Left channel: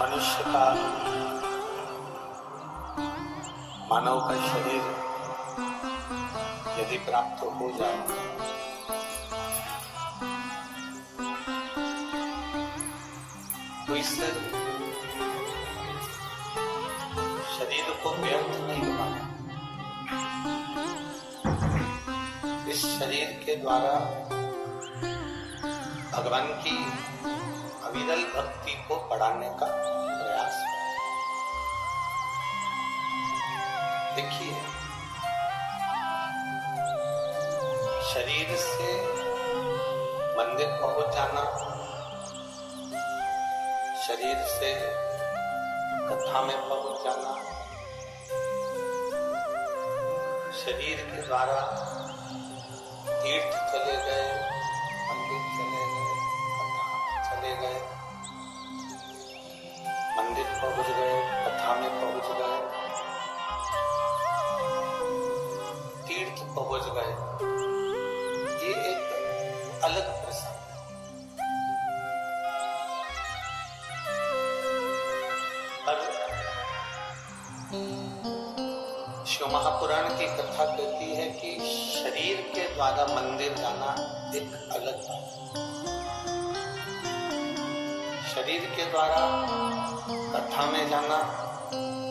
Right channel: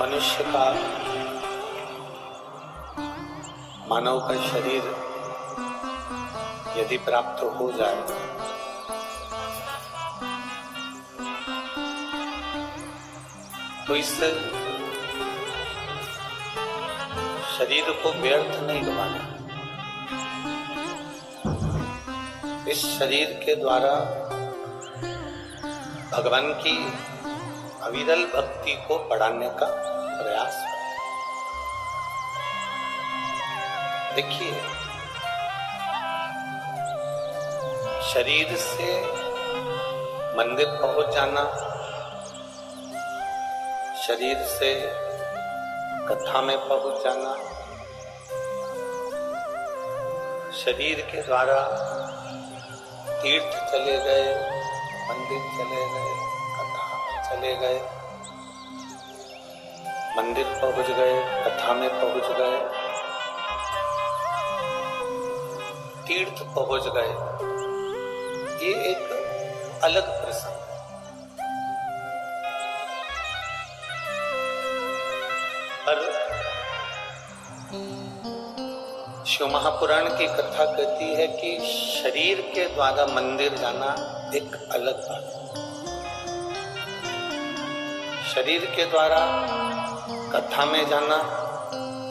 मनुष्य का मानव का शरीर यदि प्राप्त हो जाए तो इस शरीर को व्यर्थ नहीं गवाना। इस शरीर के द्वारा भगवान की अविरल भक्ति को बढ़ाने का प्रयास है। देखिए, शरीर से मंदिर पहुंच जाना, शरीर से कथा में पहुंच जाना, शरीर के द्वारा तीर्थ चले गए, मंदिर चले गए, कथा चले गए, मंदिर पहुंच गए, कथा में पहुंच गए, तीर्थ पहुंच गए, ये एक अलग प्रसंग है। पर शिव महापुराण की कथा कहती है कि शरीर के द्वारा मंदिर जाना एक अलग बात है, शरीर के द्वारा कथा में जाना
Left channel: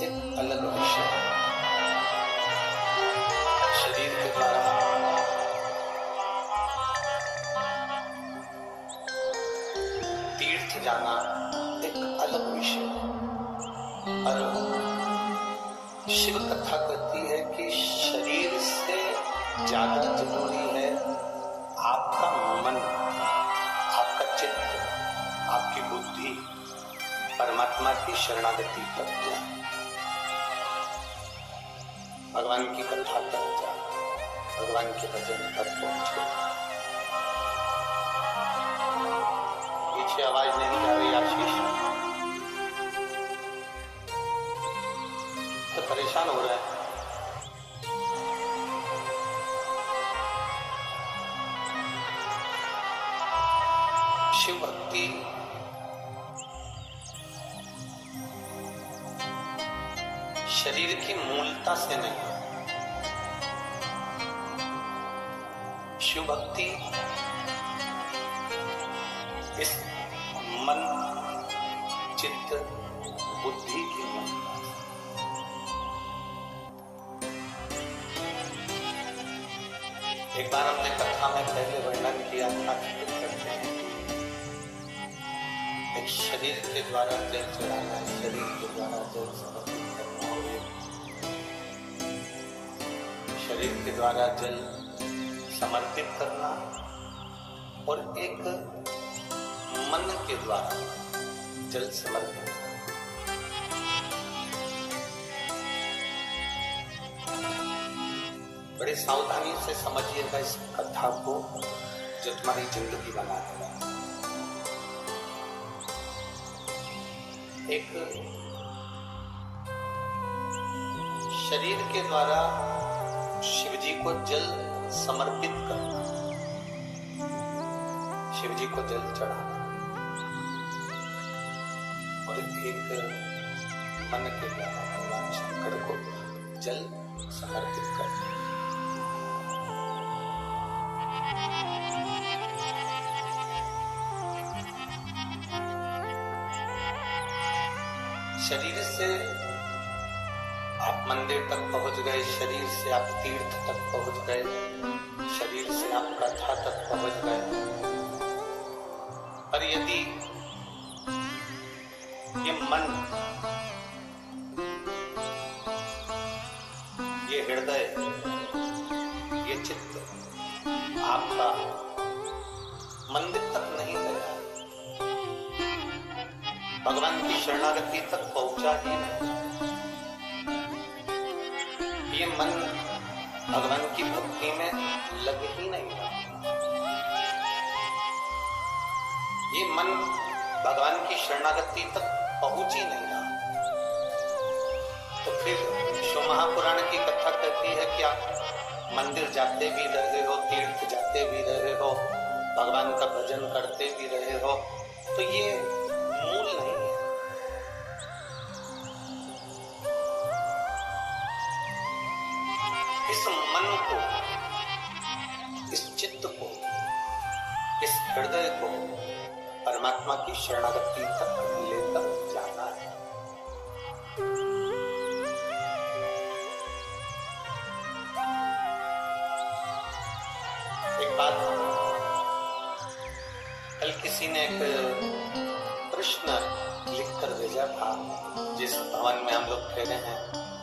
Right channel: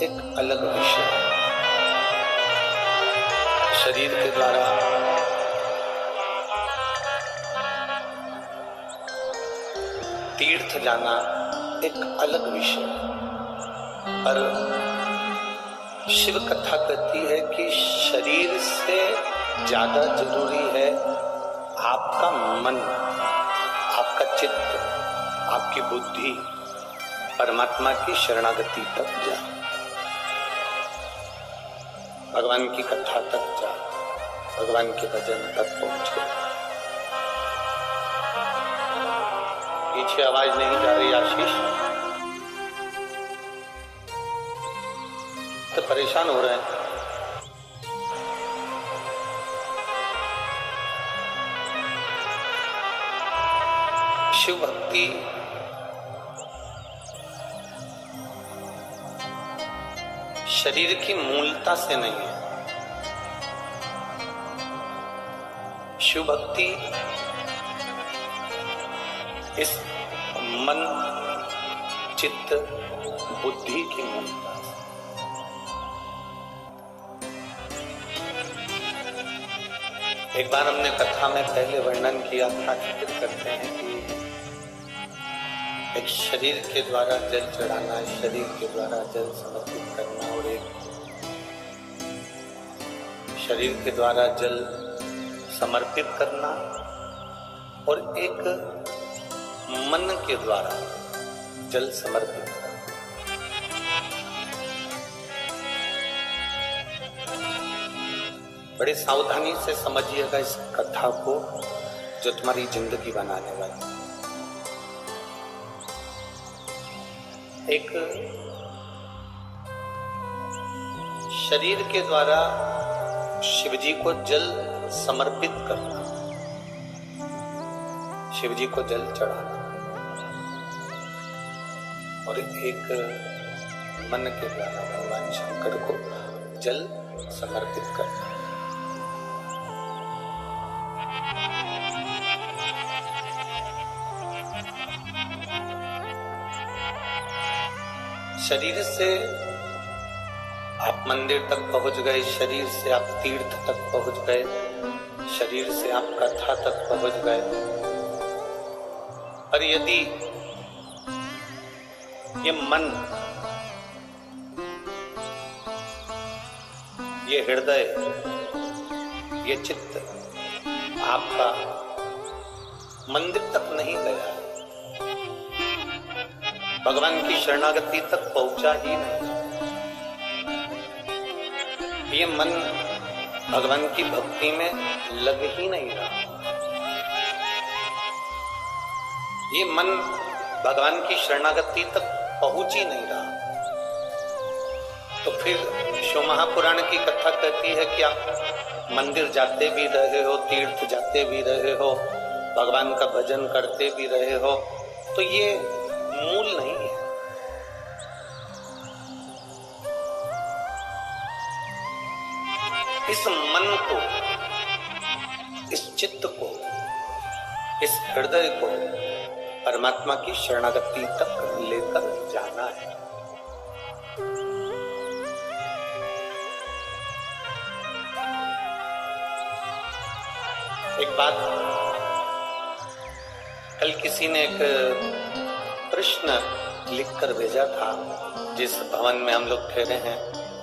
एक अलग विषय है, शरीर के द्वारा तीर्थ जाना एक अलग विषय है। पर शिव कथा कहती है कि शरीर से ज्यादा जरूरी है आपका मन, आपका चित्त, आपकी बुद्धि परमात्मा की शरणागति तक जा, भगवान की कथा तक जा, भगवान के भजन तक पहुंचे। पीछे आवाज नहीं जा रही आशीष? तो परेशान हो रहे हैं। शिव भक्ति शरीर की मूलता से नहीं है। शिव भक्ति इस मन, चित्त, बुद्धि की मूलता। एक बार हमने कथा में पहले वर्णन किया था कि करते हैं कि एक शरीर के द्वारा जल चढ़ाना, शरीर के द्वारा जल समर्पित करना, और एक शरीर के द्वारा जल समर्पित करना, और एक मन के द्वारा जल समर्पित करना। बड़े सावधानी से समझिएगा इस कथा को, जो तुम्हारी जिंदगी बनाने वाली। एक शरीर के द्वारा शिवजी को जल समर्पित करना, शिवजी को जल चढ़ाना, और एक मन के द्वारा भगवान शंकर को जल समर्पित करना। शरीर से आप मंदिर तक पहुंच गए, शरीर से आप तीर्थ तक पहुंच गए, शरीर से आप कथा तक पहुंच गए, पर यदि ये मन, ये हृदय, ये चित्त आपका मंदिर तक नहीं गया, भगवान की शरणागति तक पहुंचा ही नहीं, ये मन भगवान की भक्ति में लग ही नहीं रहा, ये मन भगवान की शरणागति तक पहुंच ही नहीं रहा, तो फिर शिव महापुराण की कथा कहती है कि आप मंदिर जाते भी रहे हो, तीर्थ जाते भी रहे हो, भगवान का भजन करते भी रहे हो, तो ये मूल नहीं है। हृदय को परमात्मा की शरणागति तक लेकर जाना है। एक बात, कल किसी ने एक प्रश्न लिखकर भेजा था, जिस भवन में हम लोग ठहरे हैं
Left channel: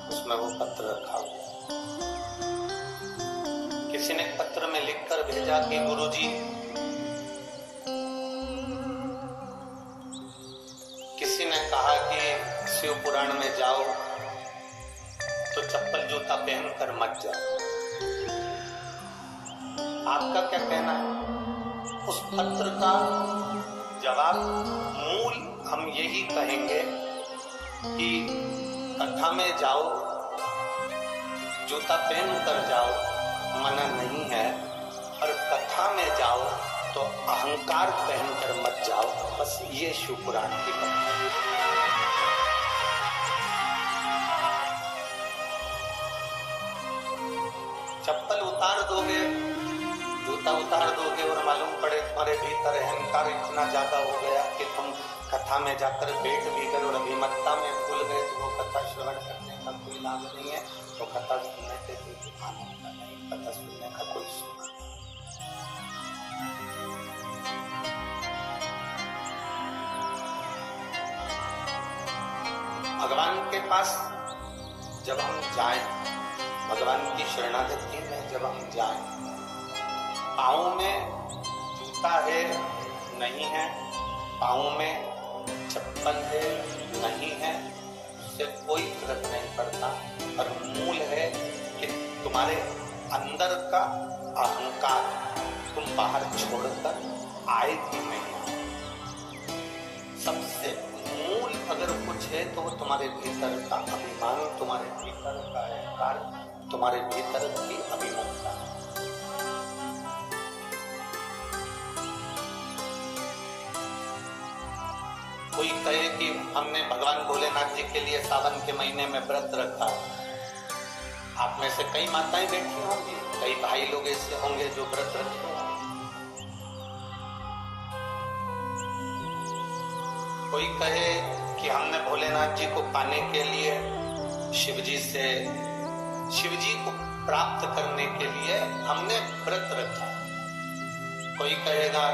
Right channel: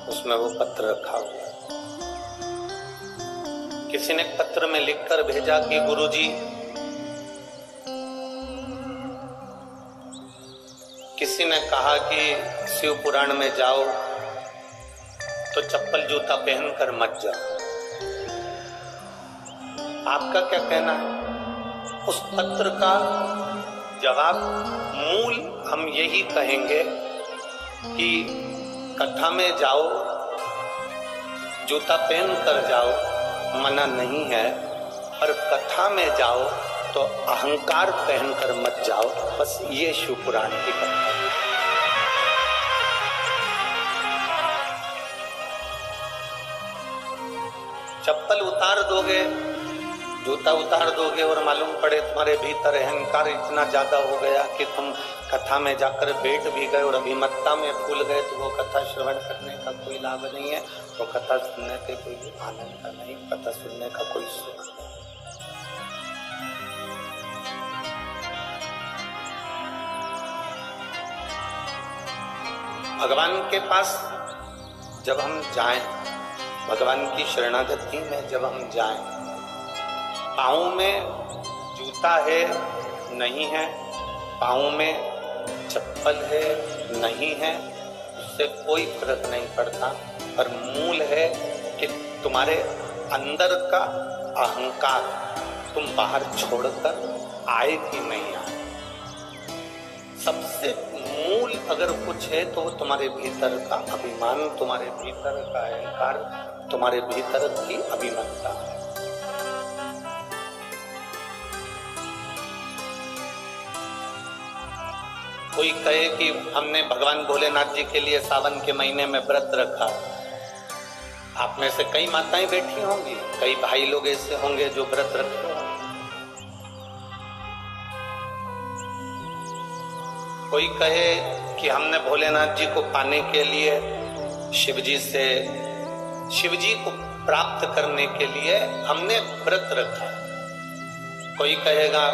उसमें वो पत्र रखा हुआ। किसी ने पत्र में लिखकर भेजा कि गुरुजी, किसी ने कहा कि शिव पुराण में जाओ तो चप्पल जूता पहनकर मत जाओ। आपका क्या कहना है? उस पत्र का जवाब मूल हम यही कहेंगे कि कथा में जाओ, जूता पहन कर जाओ, मना नहीं है, और कथा में जाओ तो अहंकार पहनकर मत जाओ। बस ये शिव पुराण की कथा है। चप्पल उतार दोगे, जूता उतार दोगे और मालूम पड़े तुम्हारे भीतर अहंकार इतना ज्यादा हो गया कि तुम कथा में जाकर बैठ भी गए और अभिमत्ता में भूल गए, तो वो कथा श्रवण करने का कोई लाभ नहीं है। वो कथा सुनने से कोई आनंद का नहीं, कथा सुनने का कोई सुख नहीं। भगवान के पास जब हम जाएं, भगवान की शरणागति में जब हम जाएं, पाँव में जूता है नहीं है, पाँव में चप्पल है नहीं है, उससे कोई फर्क नहीं पड़ता, पर मूल है कि तुम्हारे अंदर का अहंकार तुम बाहर छोड़कर आए कि नहीं आए। सबसे मूल अगर कुछ है तो तुम्हारे भीतर का अभिमान, तुम्हारे भीतर का अहंकार, तुम्हारे भीतर की अभिमत्ता। कोई कहे कि हमने भगवान भोलेनाथ जी के लिए सावन के महीने में व्रत रखा। आप में से कई माताएं बैठी होंगी, कई भाई लोग ऐसे होंगे जो व्रत रखते होंगे। कोई कहे कि हमने भोलेनाथ जी को पाने के लिए, शिव जी को प्राप्त करने के लिए हमने व्रत रखा। कोई कहेगा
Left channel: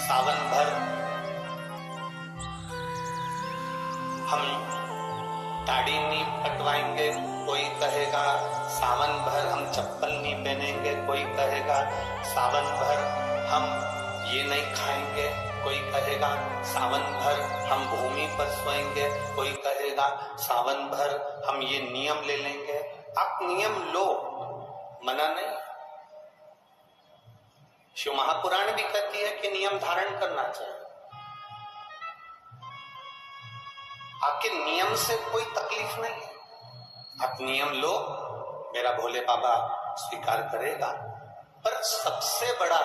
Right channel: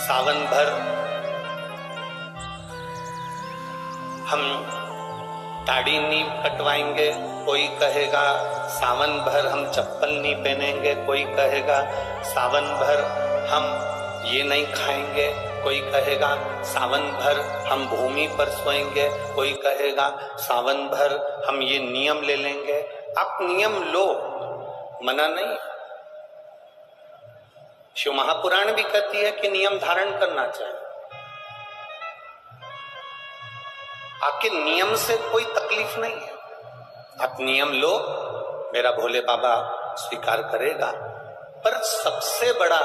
सावन भर हम दाढ़ी नहीं कटवाएंगे, कोई कहेगा सावन भर हम चप्पल नहीं पहनेंगे, कोई कहेगा सावन भर हम ये नहीं खाएंगे, कोई कहेगा सावन भर हम भूमि पर सोएंगे, कोई कहेगा सावन भर हम ये नियम ले लेंगे। आप नियम लो, मना नहीं। शिव महापुराण भी कहती है कि नियम धारण करना चाहिए। आपके नियम से कोई तकलीफ नहीं है, आप नियम लो, मेरा भोले बाबा स्वीकार करेगा। पर सबसे बड़ा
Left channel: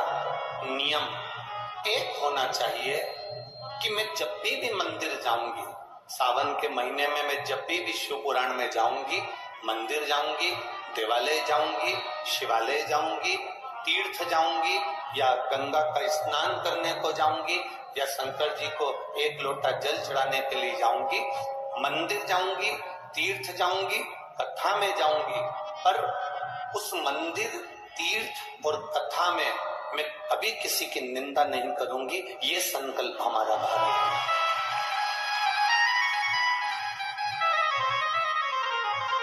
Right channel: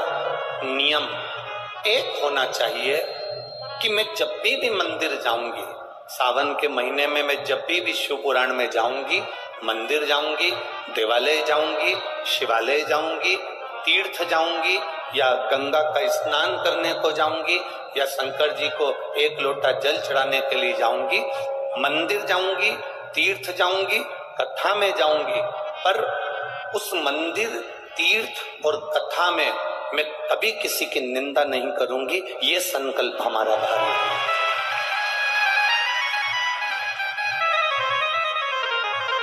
नियम एक होना चाहिए कि मैं जब भी मंदिर जाऊंगी, सावन के महीने में मैं जब भी शिव पुराण में जाऊंगी, मंदिर जाऊंगी, देवालय जाऊंगी, शिवालय जाऊंगी, तीर्थ जाऊंगी, या गंगा का स्नान करने को जाऊंगी, या शंकर जी को एक लोटा जल चढ़ाने के लिए जाऊंगी, मंदिर जाऊंगी, तीर्थ जाऊंगी, कथा में जाऊंगी, पर उस मंदिर, तीर्थ और कथा में मैं कभी किसी की निंदा नहीं करूंगी। ये संकल्प हमारा भारी है।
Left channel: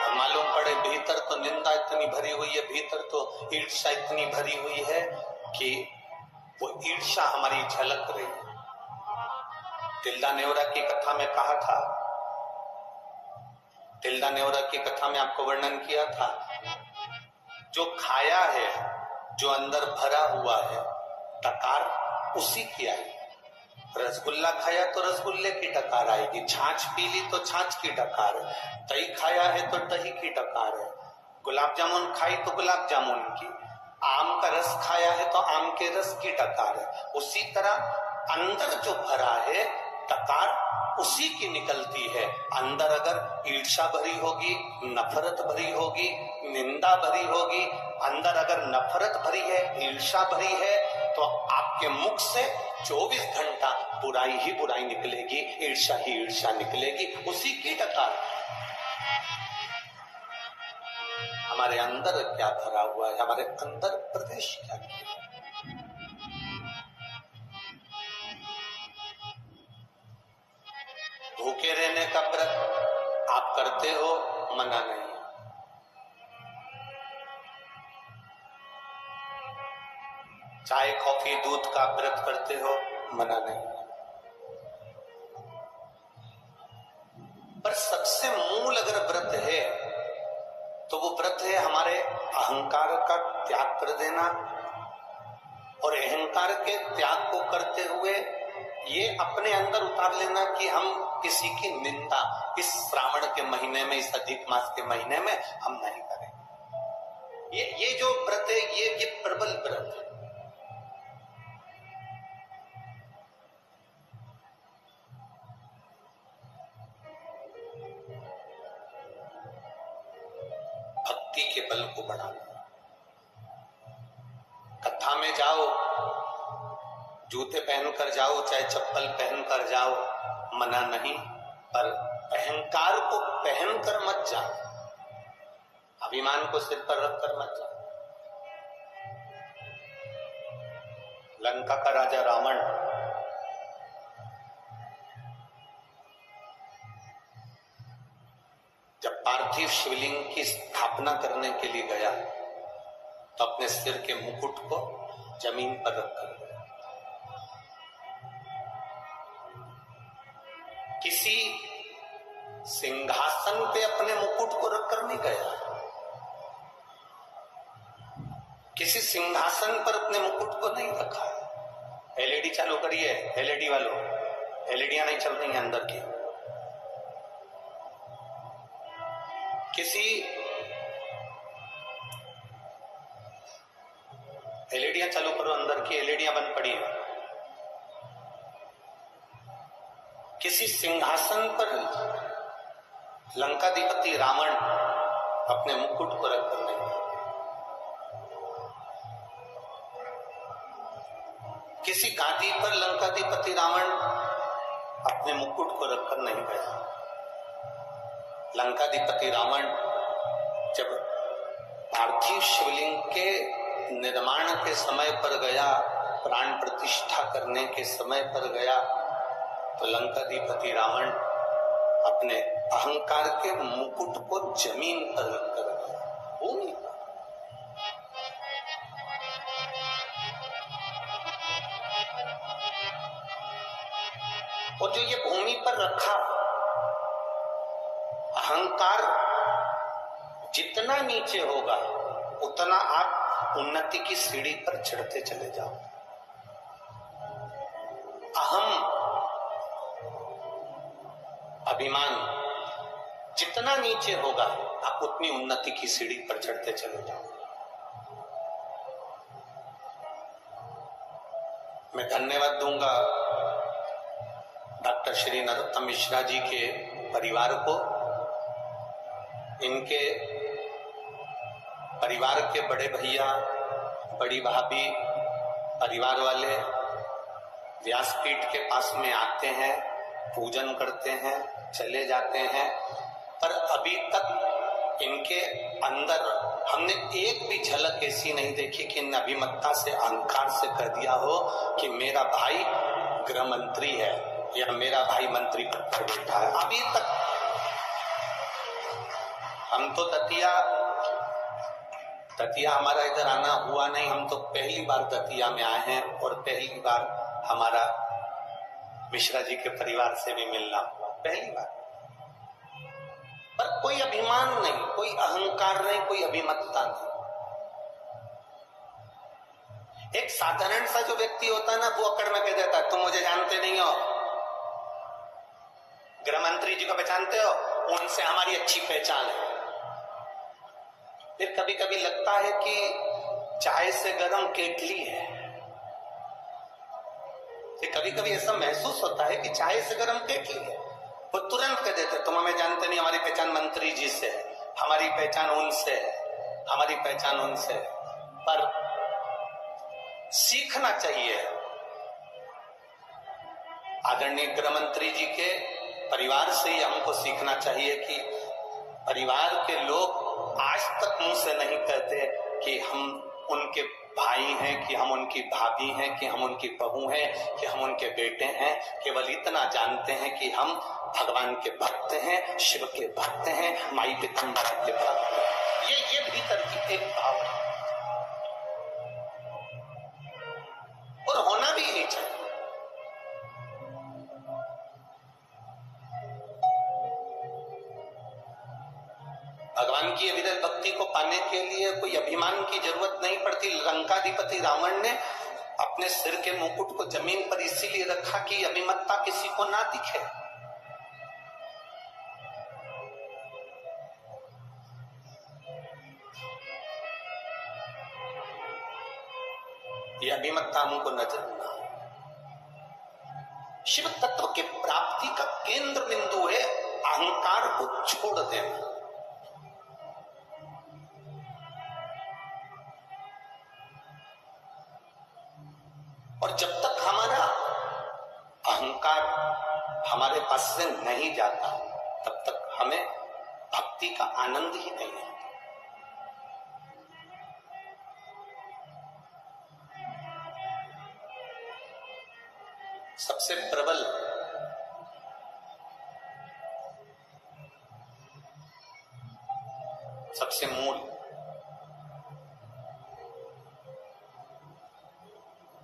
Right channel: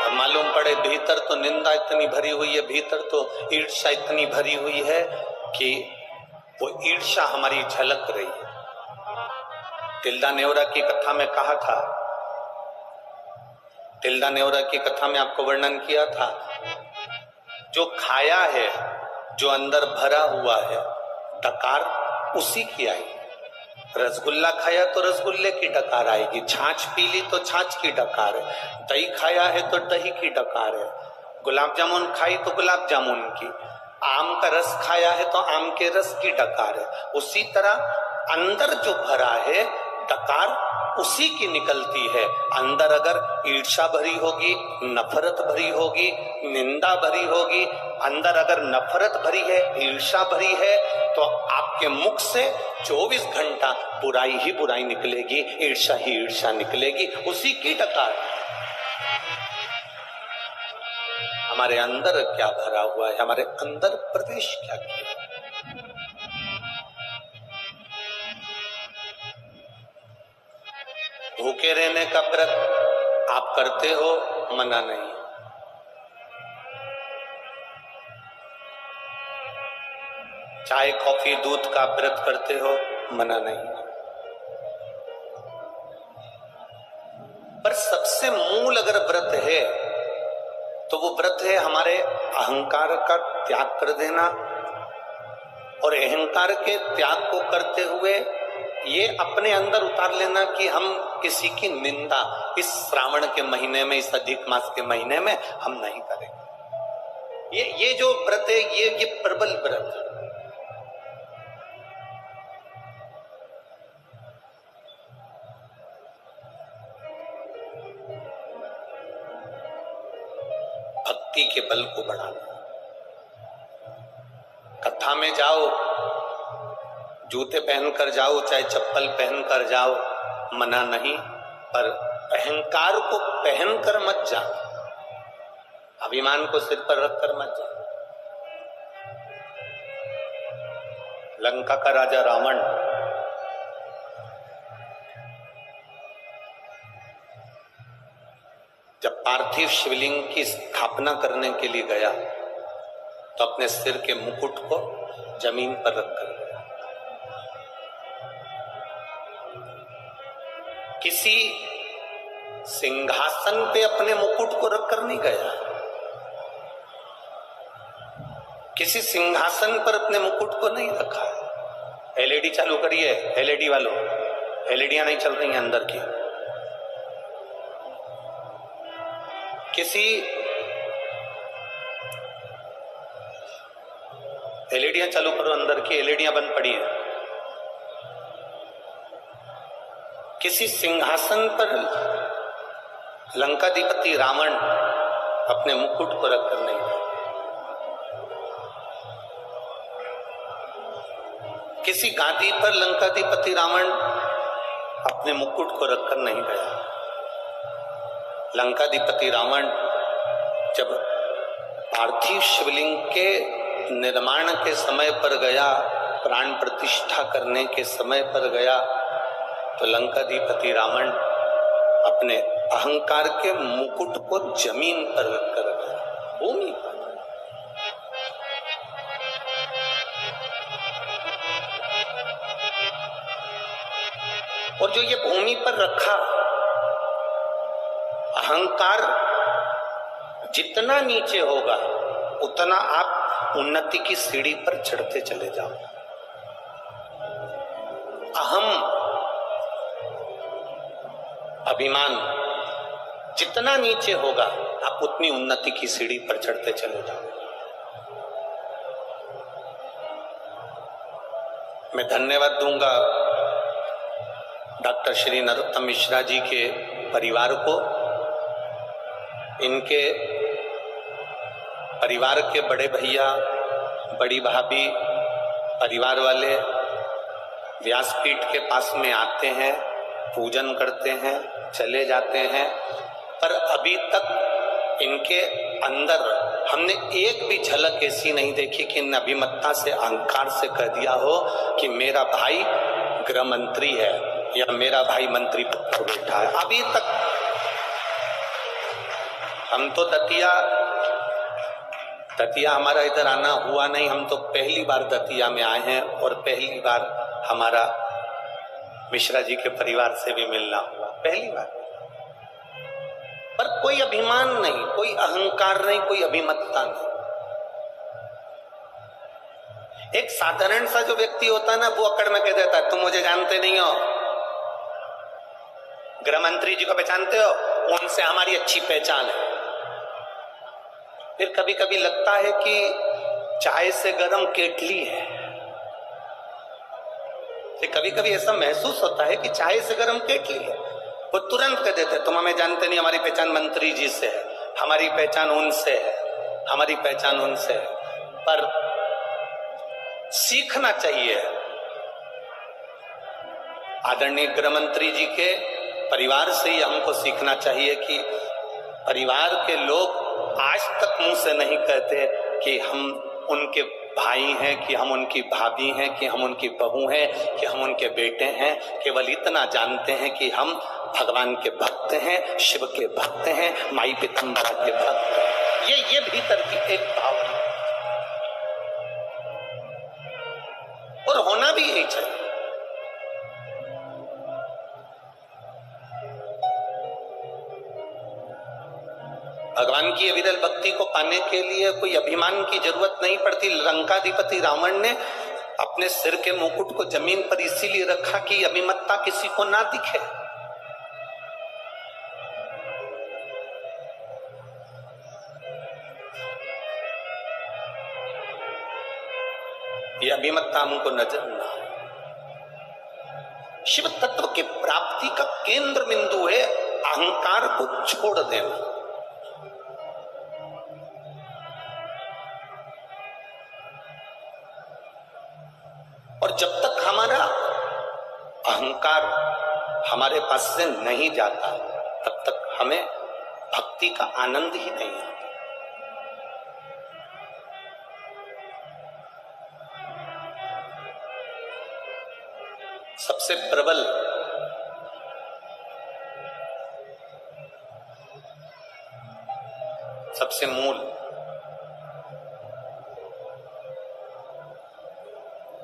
और मालूम पड़े भीतर तो निंदा इतनी भरी हुई है, भीतर तो ईर्ष्या इतनी भरी हुई है कि वो ईर्ष्या हमारी झलक रही है। तिल्दा नेवरा की कथा में कहा था, तिल्दा नेवरा की कथा में आपको वर्णन किया था, जो खाया है, जो अंदर भरा हुआ है, डकार उसी की आई। रसगुल्ला खाया तो रसगुल्ले की डकार आएगी, छाछ पी ली तो छाछ की डकार है, दही खाया है तो दही की डकार है, गुलाब जामुन खाई तो गुलाब जामुन की, आम का रस खाया है तो आम के रस की डकार है। उसी तरह अंदर जो भरा है डकार उसी की निकलती है। अंदर अगर ईर्ष्या भरी होगी, नफरत भरी होगी, निंदा भरी होगी, अंदर अगर नफरत भरी है, ईर्ष्या भरी है, तो आपके मुख से 24 घंटा बुराई ही बुराई निकलेगी, ईर्ष्या ही ईर्ष्या निकलेगी, उसी की डकार। हमारे अंदर क्या भरा हुआ है, हमारे अंदर प्रवेश क्या किया। भूखे रहने का व्रत आप करते हो, मना नहीं। चाय कॉफी दूध का व्रत करते हो, मना नहीं। पर सबसे मूल अगर व्रत है तो वो व्रत है हमारे अहंकार का त्याग कर देना, और अहंकार के त्याग को करते हुए ये अपने अंदर उतार लेना कि हम किसी की निंदा इस श्रावण के महीने में, इस अधिक मास के महीने में हम नहीं करेंगे। ये जो व्रत है ये प्रबल व्रत है। भक्ति के बल को बढ़ाना। कथा में जाओ, जूते पहनकर जाओ, चाहे चप्पल पहनकर जाओ, मना नहीं, पर अहंकार को पहनकर मत जाओ, अभिमान को सिर पर रखकर मत जाओ। लंका का राजा रावण जब पार्थिव शिवलिंग की स्थापना करने के लिए गया तो अपने सिर के मुकुट को जमीन पर रखकर गया। किसी सिंहासन पे अपने मुकुट को रखकर नहीं गया, किसी सिंहासन पर अपने मुकुट को नहीं रखा। एलईडी चालू करिए, एलईडी वालों, एलईडियां नहीं चल रही हैं अंदर की। किसी एलईडियां चालू करो, अंदर की एलईडियां बंद पड़ी है। किसी सिंहासन पर लंकाधिपति रावण अपने मुकुट को रखकर नहीं गया, किसी गादी पर लंकाधिपति रावण अपने मुकुट को रखकर नहीं गया। लंकाधिपति रावण जब पार्थिव शिवलिंग के निर्माण के समय पर गया, प्राण प्रतिष्ठा करने के समय पर गया, तो लंकाधिपति रावण अपने अहंकार के मुकुट को जमीन पर रखकर गया, भूमि पर। और जो ये भूमि पर रखा, अहंकार जितना नीचे होगा उतना आप उन्नति की सीढ़ी पर चढ़ते चले जाओ। अहम, अभिमान जितना नीचे होगा आप उतनी उन्नति की सीढ़ी पर चढ़ते चले जाओ। मैं धन्यवाद दूंगा डॉक्टर श्री नरोत्तम मिश्रा जी के परिवार को, इनके परिवार के बड़े भैया, बड़ी भाभी, परिवार वाले व्यासपीठ के पास में आते हैं, पूजन करते हैं, चले जाते हैं, पर अभी तक इनके अंदर हमने एक भी झलक ऐसी नहीं देखी कि इन अभिमत्ता से, अहंकार से कह दिया हो कि मेरा भाई गृह मंत्री है या मेरा भाई मंत्री पद पर बैठा है। अभी तक हम तो दतिया हमारा इधर आना हुआ नहीं, हम तो पहली बार दतिया में आए हैं और पहली बार हमारा मिश्रा जी के परिवार से भी मिलना हुआ, पहली बार। पर कोई अभिमान नहीं, कोई अहंकार नहीं, कोई अभिमत्ता नहीं। एक साधारण सा जो व्यक्ति होता है ना, वो अकड़ में कह देता है तुम मुझे जानते नहीं हो, गृह मंत्री जी को पहचानते हो, उनसे हमारी अच्छी पहचान है। फिर कभी कभी लगता है कि चाय से गर्म केतली है, फिर कभी कभी ऐसा महसूस होता है कि चाय से गर्म केतली है। वो तुरंत कह देते तुम हमें जानते नहीं, हमारी पहचान मंत्री जी से है, हमारी पहचान उनसे है, हमारी पहचान उनसे है। पर सीखना चाहिए। आदरणीय गृह मंत्री जी के परिवार से ही हमको सीखना चाहिए कि परिवार के लोग आज तक मुंह से नहीं कहते कि हम उनके भाई हैं, कि हम उनकी भाभी हैं, कि हम उनकी बहू हैं, कि हम उनके बेटे हैं। केवल इतना जानते हैं कि हम भगवान के भक्त हैं, शिव के भक्त हैं, माई पीताम्बरा के भक्त हैं। ये भीतर की एक भाव है और होना भी यही चाहिए। भगवान की अविरल भक्ति को पाने के लिए कोई अभिमान की जरूरत नहीं पड़ती। लंकाधिपति रावण ने अपने सिर के मुकुट को जमीन पर इसीलिए रखा कि अभिमतता किसी को ना दिखे। ये अभिमतता हमको नजर ना आए। शिव तत्व की प्राप्ति का केंद्र बिंदु है अहंकार को छोड़ देना। और जब तक हमारा अहंकार हमारे पास से नहीं जाता तब तक हमें भक्ति का आनंद ही नहीं आता। सबसे प्रबल सबसे मूल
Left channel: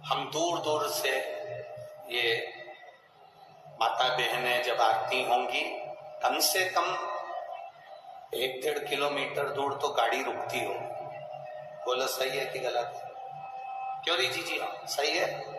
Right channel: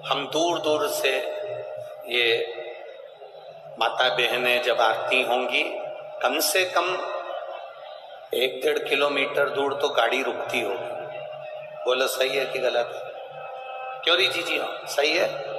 हम दूर दूर से ये माता बहनें जब आती होंगी, कम से कम 1-1.5 किलोमीटर दूर तो गाड़ी रुकती होगी। बोलो सही है कि गलत है? क्यों री जी? हाँ सही है।